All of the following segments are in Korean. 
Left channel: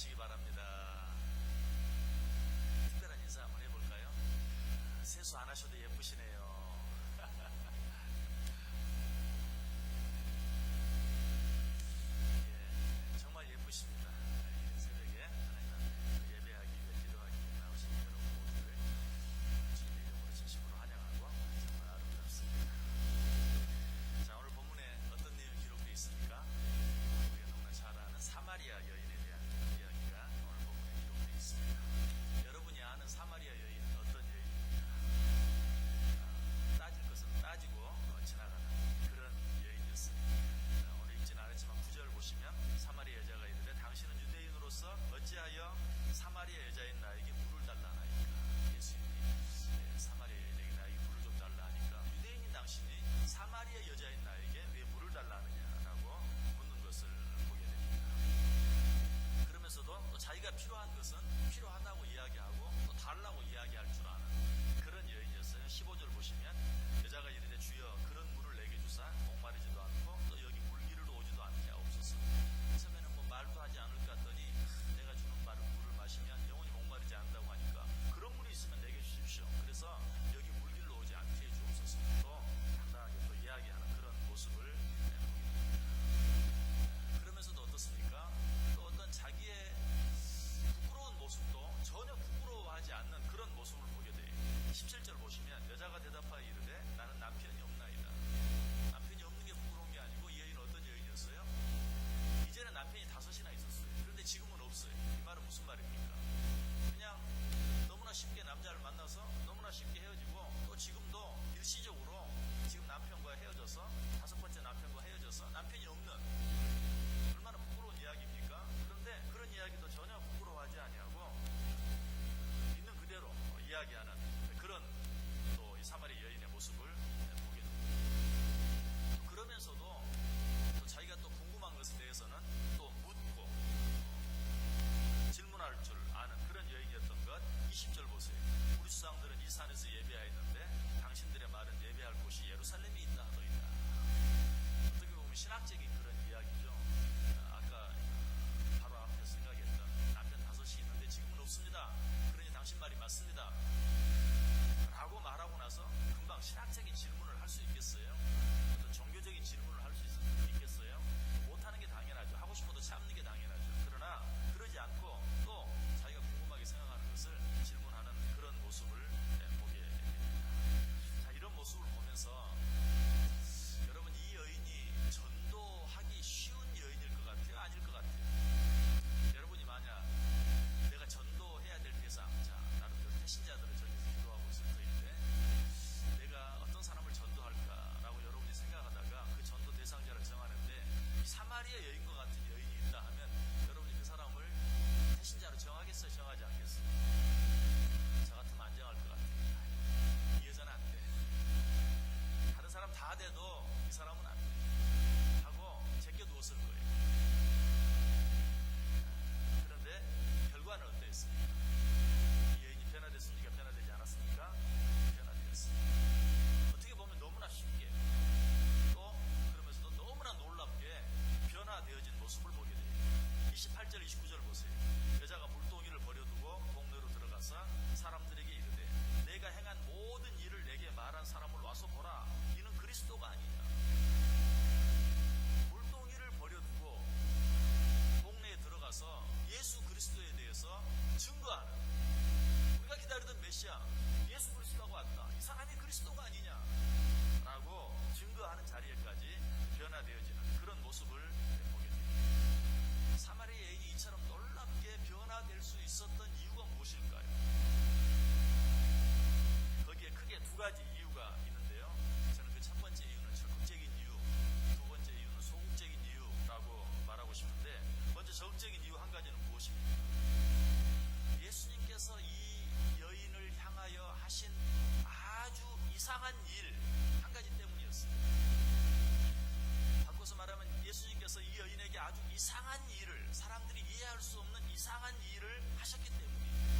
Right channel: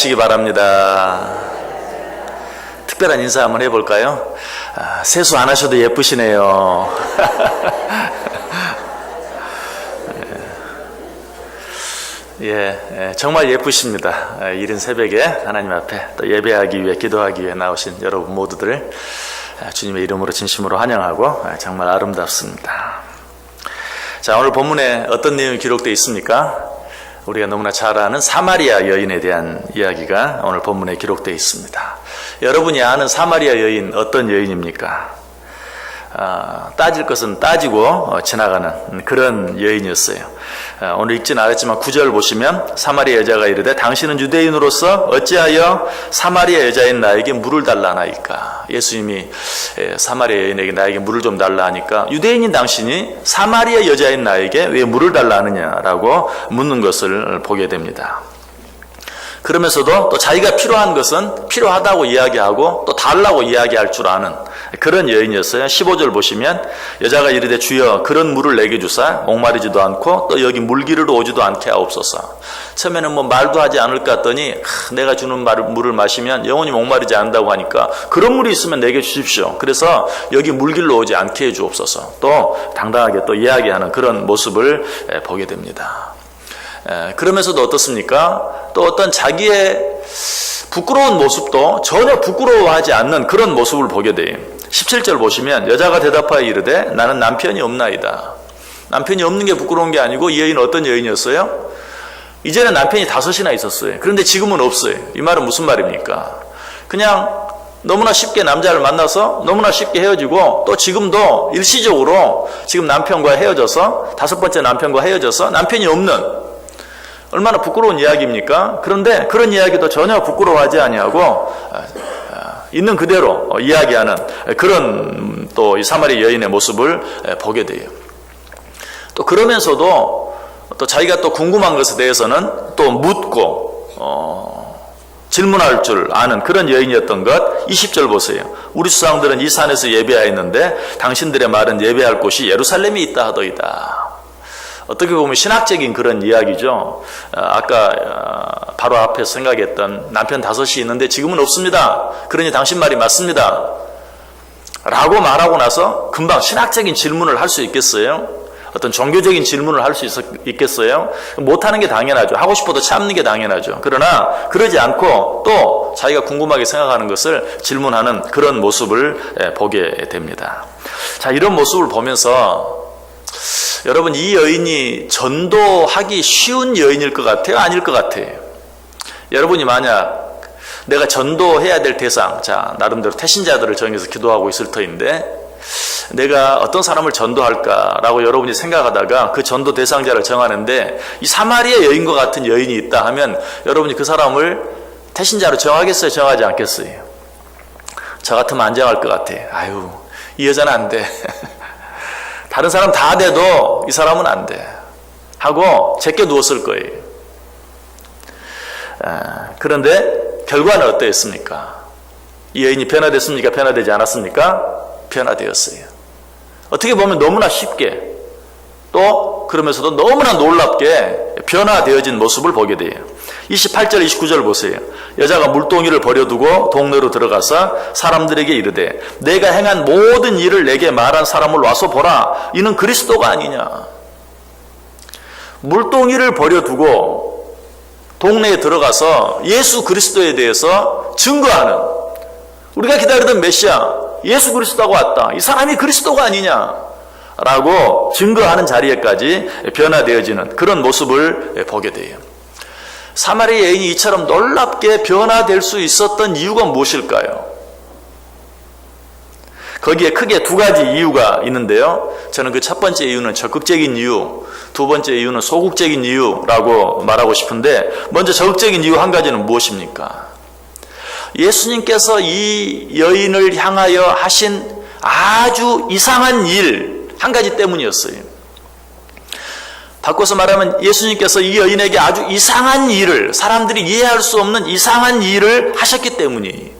시기 바랍니다. 특별한 인사 한번 해볼까요? 세수 안 하셔도 예쁘시네요. 정말 예쁘십니다. 이른 새벽에 하나님 앞에 또 예배하기 위해 기도하기 위해 나오신 여러분 모두들 주님의 이름으로 진심으로 환영하고 정말 아름답습니다. 자, 오늘 본문에 어떤 내용이 기록되어 있습니까? 우리가 너무나 잘 아는 사마리아 여인에 대한 이야기가 오늘 본문에 기록되어 있습니다. 여러분이 아는 사마리아 여인 어떤 여인입니까? 따질 것은 따지고 지나가는 그런 여인이었어요. 오늘 읽지는 않았지만 9절 보시면 사마리아 여자가 이르되 당신은 유대인으로서 어찌하여 사마리아 여자인 나에게 물을 달라 하나이까. 예수님이 사마리아 여인에게 나에게 물을 좀 달라 하니까 유대인인 당신이 사마리아 여자인 나에게 왜 물을 달라 하느냐라고 묻는 것을 보게 됩니다. 그러면서도 또 자기가 필요한 것은 필요하다고 이야기하고 또 달라고 이야기할 줄 아는 그런 여인이었어요. 15절 보시면 여자가 이르되 주여 그런 물을 내게 주사 목마르지도 않고 또 여기 물기르러 오지도 않게 하옵소서. 처음에는 말도 하지 않을까 했더니 내가 주는 물을 마시면 영원히 목마르지 않는다고 하니까 그런 물이 있으면 내게 주십시오. 그래서 여기 물기르러 오지 않게 해 주옵소서. 또 당당하게 또 이야기하는 그런 모습을 보게 됩니다. 그러면서도 어떻습니까? 또 어떤 자기의 부끄러운 모습도 전혀 부끄러워하지 않는 그런 모습을 보게 돼요. 17절 보시면 여자가 대답하여 이르되 나는 남편이 없나이다. 남편이 없는 게 부끄러운 게 아니고 이 여인은 어떤 여인이었어요? 이제는 남편이 5이나 있었어요. 그런데 지금은 없어요. 이 말은 무슨 말입니까? 그냥 너무나 쉽게 남자를 만나서 너무나 쉽게 헤어지고 또 지금도 일시적으로 지금 남편과 헤어져서 5번째 남편과 헤어져서 남편이 없는 얼마나 부끄러운 이야기입니까? 그런데 그런 이야기도 전혀 부끄러워하지 아니하고 있는 그대로 이야기하는 그런 또 이 사마리아 여인의 모습을 보게 돼요. 또 그러면서도 또 자기가 또 궁금한 것에 대해서는 또 묻고 질문할 줄 아는 그런 여인이었던 것. 20절 보세요. 우리 조상들은 이 산에서 예배하였는데 당신들의 말은 예배할 곳이 예루살렘에 있다 하더이다. 어떻게 보면 신학적인 그런 이야기죠. 아까 바로 앞에 생각했던 남편 5이 있는데 지금은 없습니다. 그러니 당신 말이 맞습니다. 라고 말하고 나서 금방 신학적인 질문을 할 수 있겠어요? 어떤 종교적인 질문을 할 수 있겠어요? 못하는 게 당연하죠. 하고 싶어도 참는 게 당연하죠. 그러나 그러지 않고 또 자기가 궁금하게 생각하는 것을 질문하는 그런 모습을 보게 됩니다. 자, 이런 모습을 보면서 여러분, 이 여인이 전도하기 쉬운 여인일 것 같아요? 아닐 것 같아요? 여러분이 만약 내가 전도해야 될 대상, 자, 나름대로 태신자들을 정해서 기도하고 있을 터인데 내가 어떤 사람을 전도할까라고 여러분이 생각하다가 그 전도 대상자를 정하는데 이 사마리아 여인과 같은 여인이 있다 하면 여러분이 그 사람을 태신자로 정하겠어요? 정하지 않겠어요? 저 같으면 안 정할 것 같아요. 아유, 이 여자는 안 돼. 다른 사람 다 돼도 이 사람은 안 돼 하고 제껴 누웠을 거예요. 그런데 결과는 어떠했습니까? 이 여인이 변화됐습니까? 변화되지 않았습니까? 변화되었어요. 어떻게 보면 너무나 쉽게 또 그러면서도 너무나 놀랍게 변화되어진 모습을 보게 돼요. 28절 29절 보세요. 여자가 물동이를 버려두고 동네로 들어가서 사람들에게 이르되 내가 행한 모든 일을 내게 말한 사람을 와서 보라. 이는 그리스도가 아니냐. 물동이를 버려두고 동네에 들어가서 예수 그리스도에 대해서 증거하는, 우리가 기다리던 메시아 예수 그리스도가 왔다. 이 사람이 그리스도가 아니냐 라고 증거하는 자리에까지 변화되어지는 그런 모습을 보게 돼요. 사마리아 여인이 이처럼 놀랍게 변화될 수 있었던 이유가 무엇일까요? 거기에 크게 2가지 이유가 있는데요. 저는 그 첫 번째 이유는 적극적인 이유, 2번째 이유는 소극적인 이유라고 말하고 싶은데, 먼저 적극적인 이유 한 가지는 무엇입니까? 예수님께서 이 여인을 향하여 하신 아주 이상한 일 한 가지 때문이었어요. 바꿔서 말하면 예수님께서 이 여인에게 아주 이상한 일을, 사람들이 이해할 수 없는 이상한 일을 하셨기 때문이,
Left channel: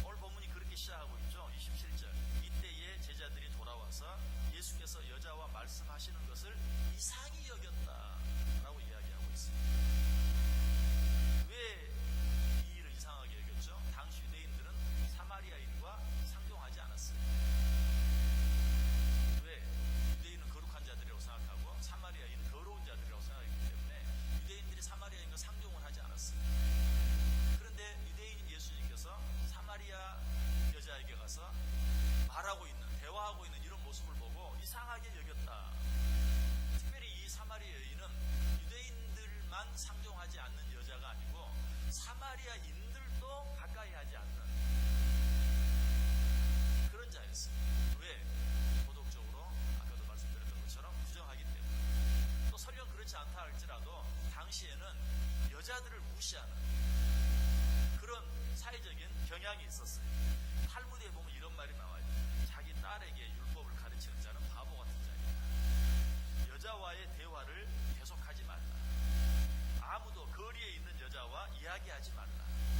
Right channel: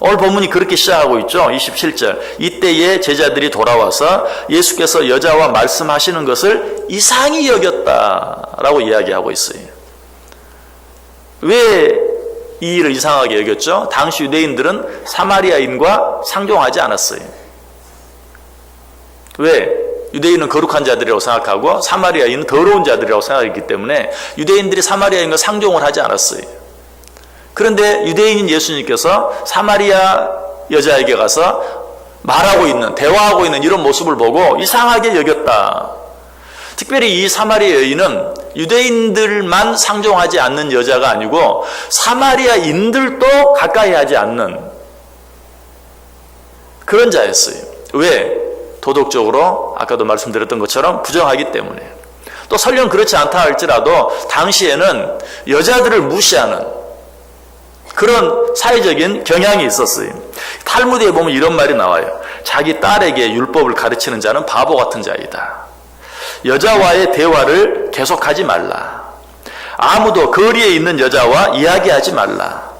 오늘 본문이 그렇게 시작하고 있죠. 27절. 이때에 제자들이 돌아와서 예수께서 여자와 말씀하시는 것을 이상히 여겼다라고 이야기하고 있어요. 왜 이 일을 이상하게 여겼죠. 당시 유대인들은 사마리아인과 상종하지 않았어요. 왜? 유대인은 거룩한 자들이라고 생각하고 사마리아인은 더러운 자들이라고 생각했기 때문에 유대인들이 사마리아인과 상종을 하지 않았어요. 그런데 유대인인 예수님께서 사마리아 여자에게 가서 말하고 있는, 대화하고 있는 이런 모습을 보고 이상하게 여겼다. 특별히 이 사마리아 여인은 유대인들만 상종하지 않는 여자가 아니고 사마리아인들도 가까이 하지 않는 그런 자였어요. 왜? 도덕적으로 아까도 말씀드렸던 것처럼 부정하기 때문에. 또 설령 그렇지 않다 할지라도 당시에는 여자들을 무시하는 그런 사회적인 경향이 있었어요. 탈무드에 보면 이런 말이 나와요. 자기 딸에게 율법을 가르치는 자는 바보 같은 자이다. 여자와의 대화를 계속하지 말라. 아무도 거리에 있는 여자와 이야기하지 말라.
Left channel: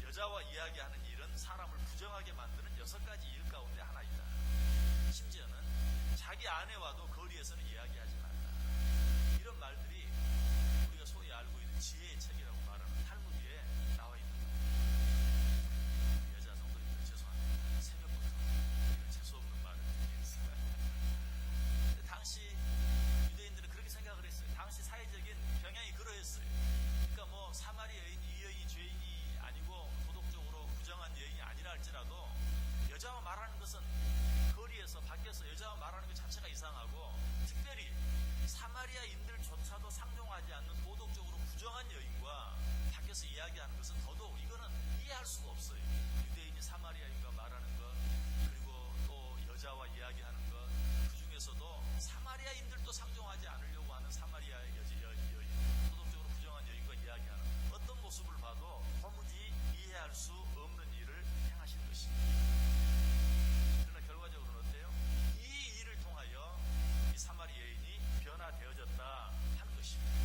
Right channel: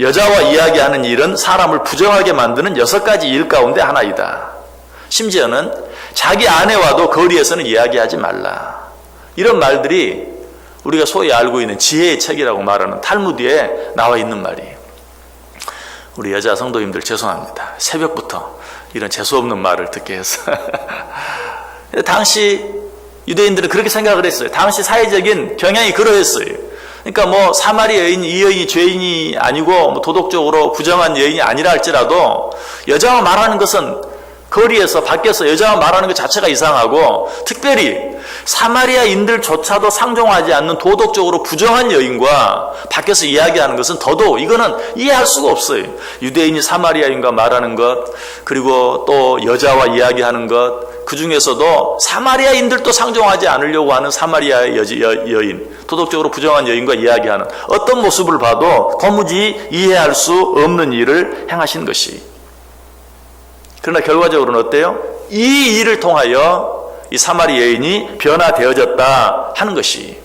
여자와 이야기하는 일은 사람을 부정하게 만드는 6가지 일 가운데 하나이다. 심지어는 자기 아내와도 거리에서는 이야기하지 말라. 이런 말들이 우리가 소위 알고 있는 지혜의 책이라고 말하는 탈무드에 나와 있는 말이에요. 우리 여자 성도님들 죄송합니다. 새벽부터 이런 재수없는 말을 듣게 해서. 당시 유대인들은 그렇게 생각을 했어요. 당시 사회적인 경향이 그러했어요. 그러니까 뭐 사마리아 여인, 이 여인이 죄인이 아니고 뭐 도덕적으로 부정한 여인이 아니라 할지라도 여자와 말하는 것은 거리에서 밖에서 여자와 말하는 것 자체가 이상하고 특별히 사마리아인들조차도 상종하지 않는 도덕적으로 부정한 여인과 밖에서 이야기하는 것은 더더욱 이거는 이해할 수가 없어요. 유대인이 사마리아인과 말하는 것 그리고 또 여자와 이야기하는 것 그 중에서도 사마리아인들도 상종하지 않으려고 하는 사마리아 여인 도덕적으로 부정한 여인과 이야기하는 어떤 모습을 봐도 도무지 이해할 수 없는 일을 행하신 것이 그러나 결과적으로는 어때요? 이 일을 통하여 이 사마리아 여인이 변화되어졌다 하는 것이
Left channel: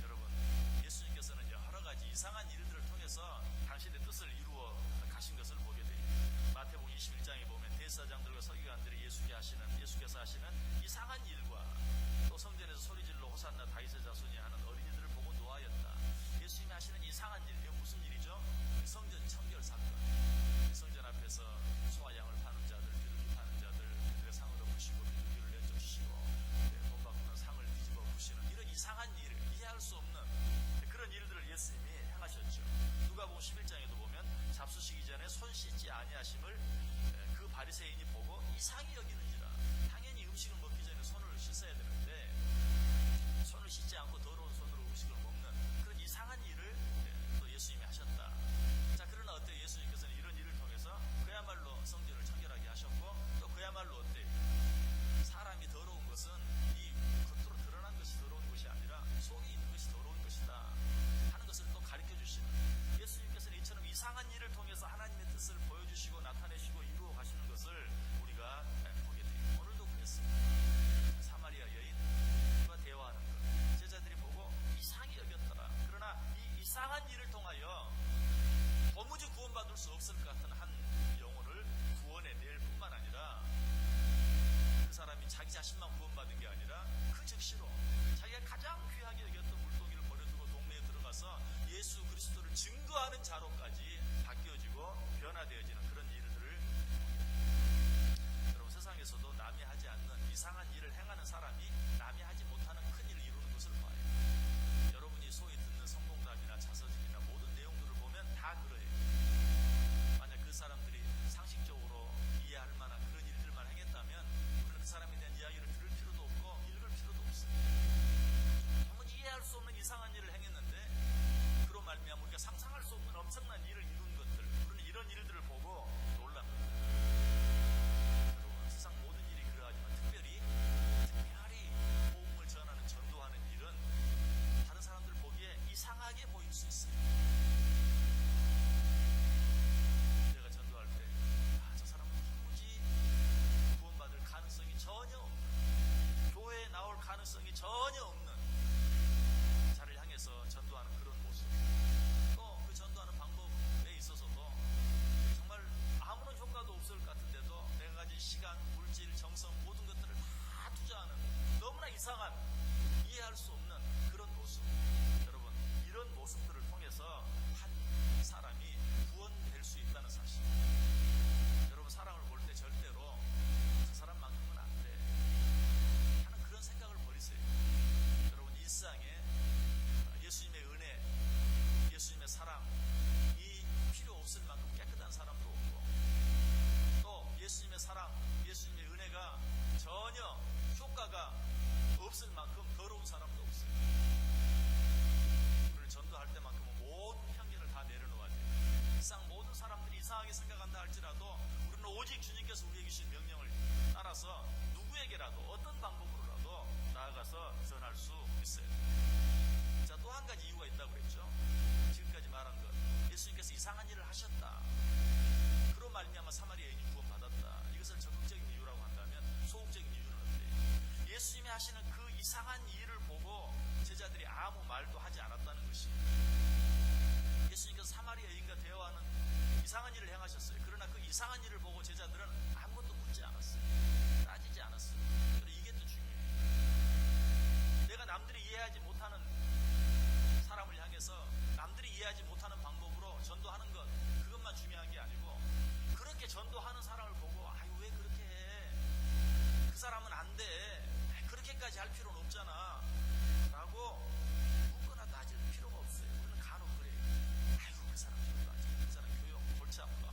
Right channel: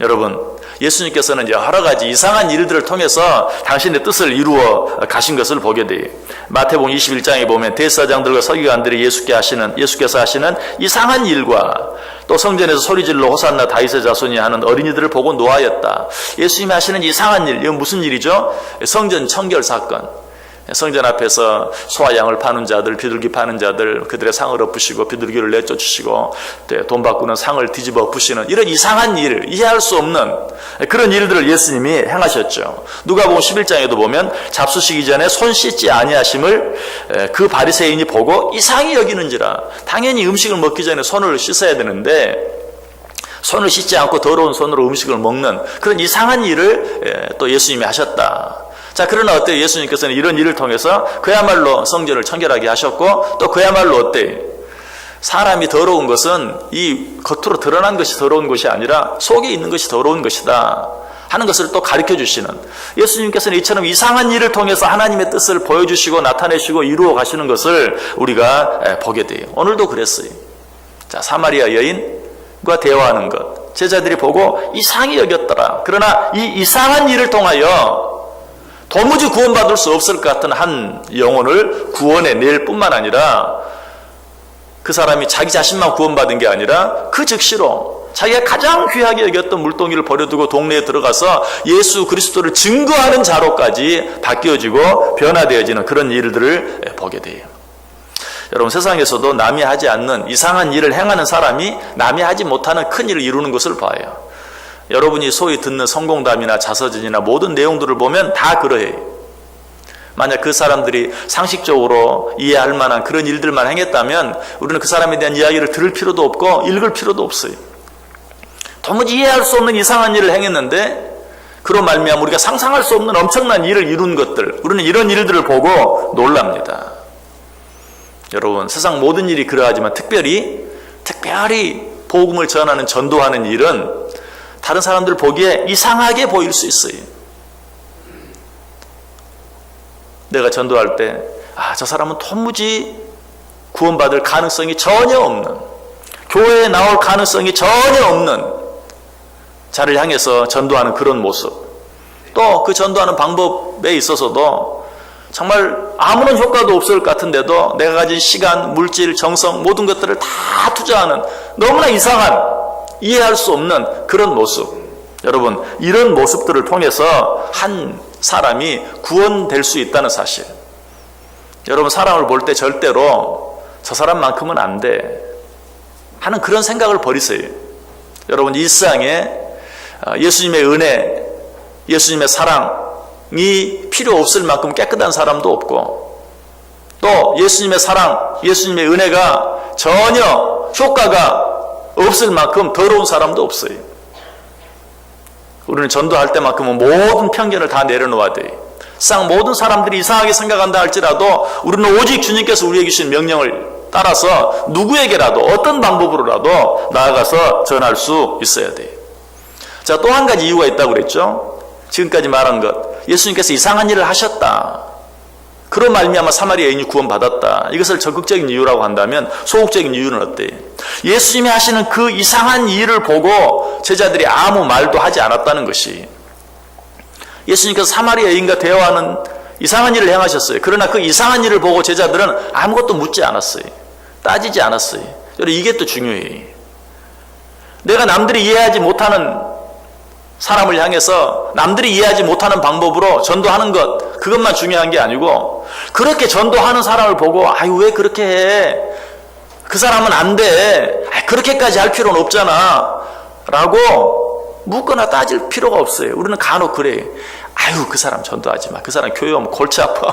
여러분 예수님께서는 여러 가지 이상한 일들을 통해서 당신의 뜻을 이루어 가신 것을 보게 돼요. 마태복음 21장에 보면 대제사장들과 서기관들이 예수께서 하시는 이상한 일과 또 성전에서 소리질러 호산나 다윗의 자손이 하는 어린이들을 보고 노하였다. 예수님이 하시는 이상한 일, 이건 무슨 일이죠? 성전 청결 사건. 성전 앞에서 소와 양을 파는 자들, 비둘기 파는 자들 그들의 상을 엎으시고 비둘기를 내쫓으시고 돈 바꾸는 상을 뒤집어 엎으시는 이런 이상한 일, 이해할 수 없는 그런 일들을 예수님이 행하셨죠. 누가복음 11장에도 보면 잡수시기 전에 손 씻지 아니하심을 그 바리새인이 보고 이상히 여기는지라. 당연히 음식을 먹기 전에 손을 씻어야 되는데 손을 씻지 않고 더러운 손으로 음식을 먹는 그런 이상한 일을 또 예수님이 하셨다. 자, 그러나 어때요? 예수님께서는 이런 일을 통해서 그야말로 성전을 청결하게 하셨고 또 그야말로 어때요? 사람이 더러운 것은 이 겉으로 드러난 것이 더러운 것이 아니라 속에 있는 것이 더러운 것이다 하는 것을 또 가르쳐 주시는 예수님께서는 이처럼 이상한 일을 통해서 하나님의 뜻을 보여주시고 나타내시고 이루어 가시는 것을 우리가 보게 돼요. 오늘도 그랬어요. 자, 사마리아 여인과 대화하는 것 제자들이 보고 이상히 여겼더라. 그러나 이 이상한 일을 통하여 도무지 구원받을 수 없을 것 같은 한 영혼을 구원해낼 뿐만 아니라 그 사람이 자기 자신만 구원받은 게 아니라 그 즉시로 자기가 가장 귀하게 여겼던 물동이를 버려두고 동네에 들어가서 예수 그리스도를 증거하는 자로까지 바뀌어지고 변화되어지는 그런 일들을 보게 돼요. 여러분 세상에서도 남이 하지 않는 이상한 일을 행하는 사람이 남이 하지 못하는 큰 일을 이루는 것을 봐요. 여러분이 소위 듣는 성공담이나 자서전이나 모든 내용들을 보면 다 그러해요. 만약 그 사람들이 상식적으로 이해할 만한 그런 일들만 행했다면 우리는 그 사람에 대한 이야기를 들을 필요도 없고 읽을 필요도 없어요. 도무지 이해할 수 없는 이상한 일을 행했는데 그로 말미암아 우리가 상상할 수 없는 엄청난 일을 이룬 것들 우리는 이런 일들을 보고 놀랍니다. 여러분 세상 모든 일이 그러하지만 특별히 복음을 전하는 전도하는 일은 다른 사람들 보기에 이상하게 보일 수 있어요. 내가 전도할 때 저 사람은 도무지 구원받을 가능성이 전혀 없는 교회에 나올 가능성이 전혀 없는 자를 향해서 전도하는 그런 모습 또 그 전도하는 방법에 있어서도 정말 아무런 효과도 없을 것 같은데도 내가 가진 시간, 물질, 정성 모든 것들을 다 투자하는 너무나 이상한 이해할 수 없는 그런 모습 여러분, 이런 모습들을 통해서 한 사람이 구원될 수 있다는 사실. 여러분, 사람을 볼 때 절대로 저 사람만큼은 안 돼 하는 그런 생각을 버리세요. 여러분, 일상에 예수님의 은혜, 예수님의 사랑이 필요 없을 만큼 깨끗한 사람도 없고, 또 예수님의 사랑, 예수님의 은혜가 전혀 효과가 없을 만큼 더러운 사람도 없어요. 우리는 전도할 때만큼은 모든 편견을 다 내려놓아야 돼요. 상 모든 사람들이 이상하게 생각한다 할지라도 우리는 오직 주님께서 우리에게 주신 명령을 따라서 누구에게라도 어떤 방법으로라도 나아가서 전할 수 있어야 돼요. 자, 또 한 가지 이유가 있다고 그랬죠. 지금까지 말한 것, 예수님께서 이상한 일을 하셨다, 그런 말미암아 사마리아 여인이 구원받았다, 이것을 적극적인 이유라고 한다면 소극적인 이유는 어때요? 예수님이 하시는 그 이상한 일을 보고 제자들이 아무 말도 하지 않았다는 것이, 예수님께서 사마리아 여인과 대화하는 이상한 일을 행하셨어요. 그러나 그 이상한 일을 보고 제자들은 아무것도 묻지 않았어요. 따지지 않았어요. 여러분, 이게 또 중요해요. 내가 남들이 이해하지 못하는 사람을 향해서 남들이 이해하지 못하는 방법으로 전도하는 것, 그것만 중요한 게 아니고, 그렇게 전도하는 사람을 보고 아유 왜 그렇게 해, 그 사람은 안 돼, 그렇게까지 할 필요는 없잖아 라고 묻거나 따질 필요가 없어요. 우리는 간혹 그래요. 아유 그 사람 전도하지 마, 그 사람 교회하면 골치 아파.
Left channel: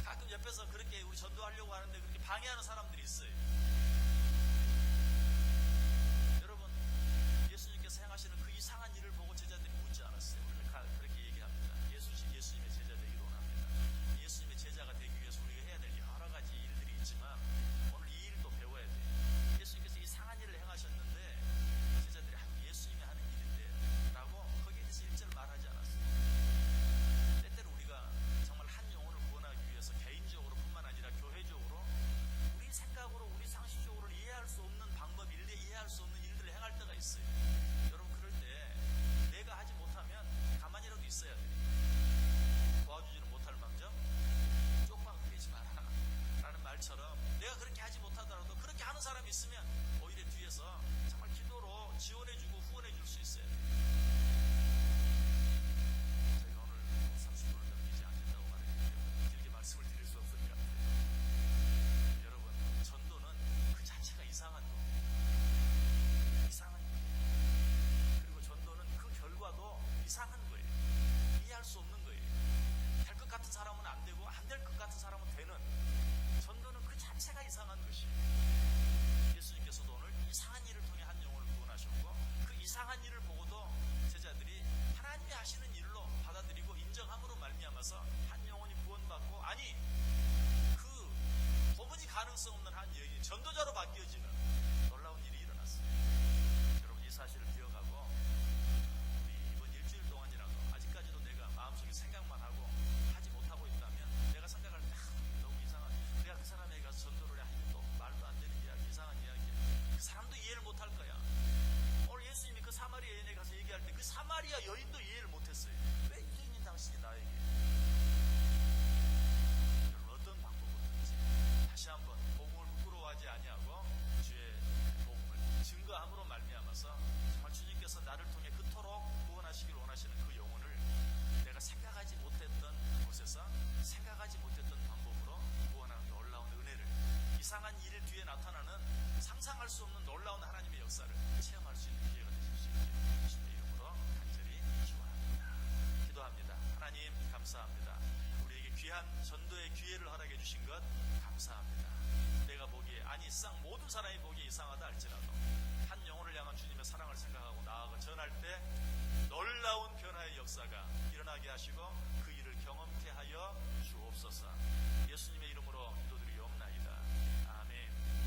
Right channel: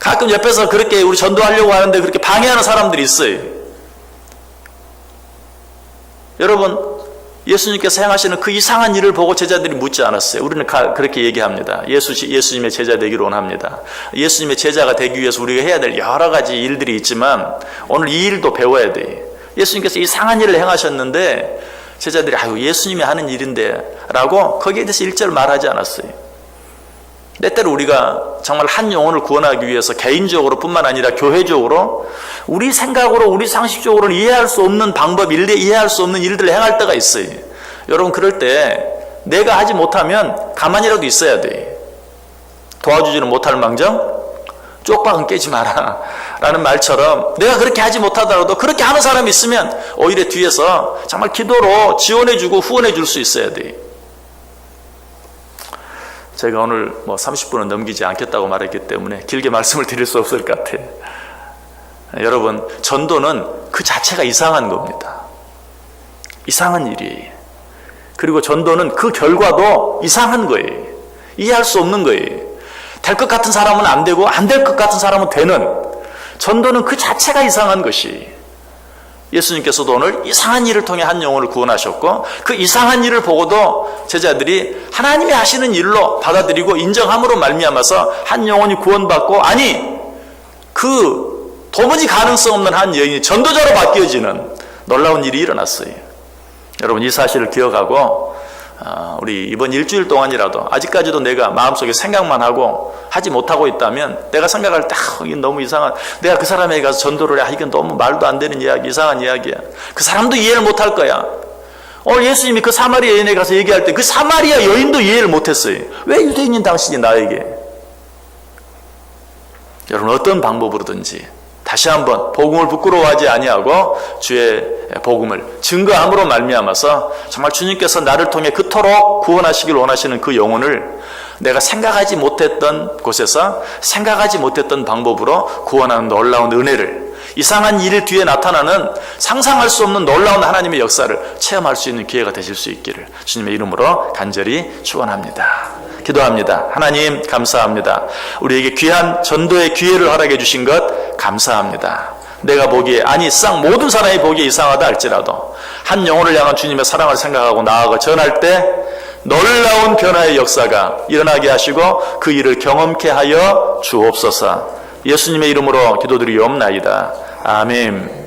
가끔 옆에서 그렇게 우리 전도하려고 하는데 그렇게 방해하는 사람들이 있어요. 여러분, 예수님께서 행하시는 그 이상한 일을 보고 제자들이 묻지 않았어요. 우리는 그렇게 얘기합니다. 예수님의 제자 되기를 원합니다. 예수님의 제자가 되기 위해서 우리가 해야 될 여러 가지 일들이 있지만 오늘 이 일도 배워야 돼요. 예수님께서 이상한 일을 행하셨는데 제자들이 아유 예수님이 하는 일인데 라고 거기에 대해서 일절 말하지 않았어요. 때때로 우리가 정말 한 영혼을 구원하기 위해서 개인적으로 뿐만 아니라 교회적으로 우리 생각으로 우리 상식적으로는 이해할 수 없는 방법, 이해할 수 없는 일들을 행할 때가 있어요. 여러분, 그럴 때 내가 하지 못하면 가만히라도 있어야 돼. 도와주지는 못할 망정 쪽박은 깨지 마라 라는 말처럼 내가 그렇게 하지 못하더라도 그렇게 하는 사람이 있으면 오히려 뒤에서 정말 기도로 지원해주고 후원해줄 수 있어야 돼. 제가 오늘 30분은 넘기지 않겠다고 말했기 때문에 길게 말씀을 드릴 수 없을 것 같아요. 여러분, 전도는 그 자체가 이상한 겁니다. 이상한 일이에요. 그리고 전도는 그 결과도 이상한 거예요. 이해할 수 없는 거예요. 될 것 같은 사람은 안 되고 안 될 것 같은 사람은 되는, 전도는 그 자체가 이상한 것이, 예수님께서도 오늘 이상한 일을 통해 한 영혼을 구원하셨고 그 이상한 일을 보고도 제자들이 하나님이 하시는 일로 받아들이고 인정함으로 말미암아서 한 영혼이 구원받고, 아니 그 도무지 가능성 없는 한 여인이 전도자로 바뀌어지는 놀라운 일이 일어났어요. 여러분, 이 사실을 기억하고 우리 이번 일주일 동안이라도 아직까지도 내가 마음속에 생각만 하고 하지 못하고 있다면, 내가 생각할 때 이게 너무 이상한, 내가 그 사람에게 가서 전도를 해, 이건 너무 말도 안 되는 이야기, 이상한 이야기야, 그 사람도 이해를 못할 거야. 오늘 예수님이 그 사마리아 여인에 가서 얘기할 때 그 사마리아 여인도 이해를 못했어요. 왜 유대인인 당신이 나에게, 여러분, 어떤 방법으로든지 다시 한번 복음을 부끄러워하지 아니하고 주의 복음을 증거함으로 말미암아서 정말 주님께서 나를 통해 그토록 구원하시길 원하시는 그 영혼을 내가 생각하지 못했던 곳에서 생각하지 못했던 방법으로 구원하는 놀라운 은혜를, 이상한 일 뒤에 나타나는 상상할 수 없는 놀라운 하나님의 역사를 체험할 수 있는 기회가 되실 수 있기를 주님의 이름으로 간절히 축원합니다. 기도합니다. 하나님 감사합니다. 우리에게 귀한 전도의 기회를 허락해 주신 것 감사합니다. 내가 보기에, 아니 모든 사람이 보기에 이상하다 할지라도 한 영혼을 향한 주님의 사랑을 생각하고 나아가 전할 때 놀라운 변화의 역사가 일어나게 하시고 그 일을 경험케 하여 주옵소서. 예수님의 이름으로 기도드리옵나이다. 아멘.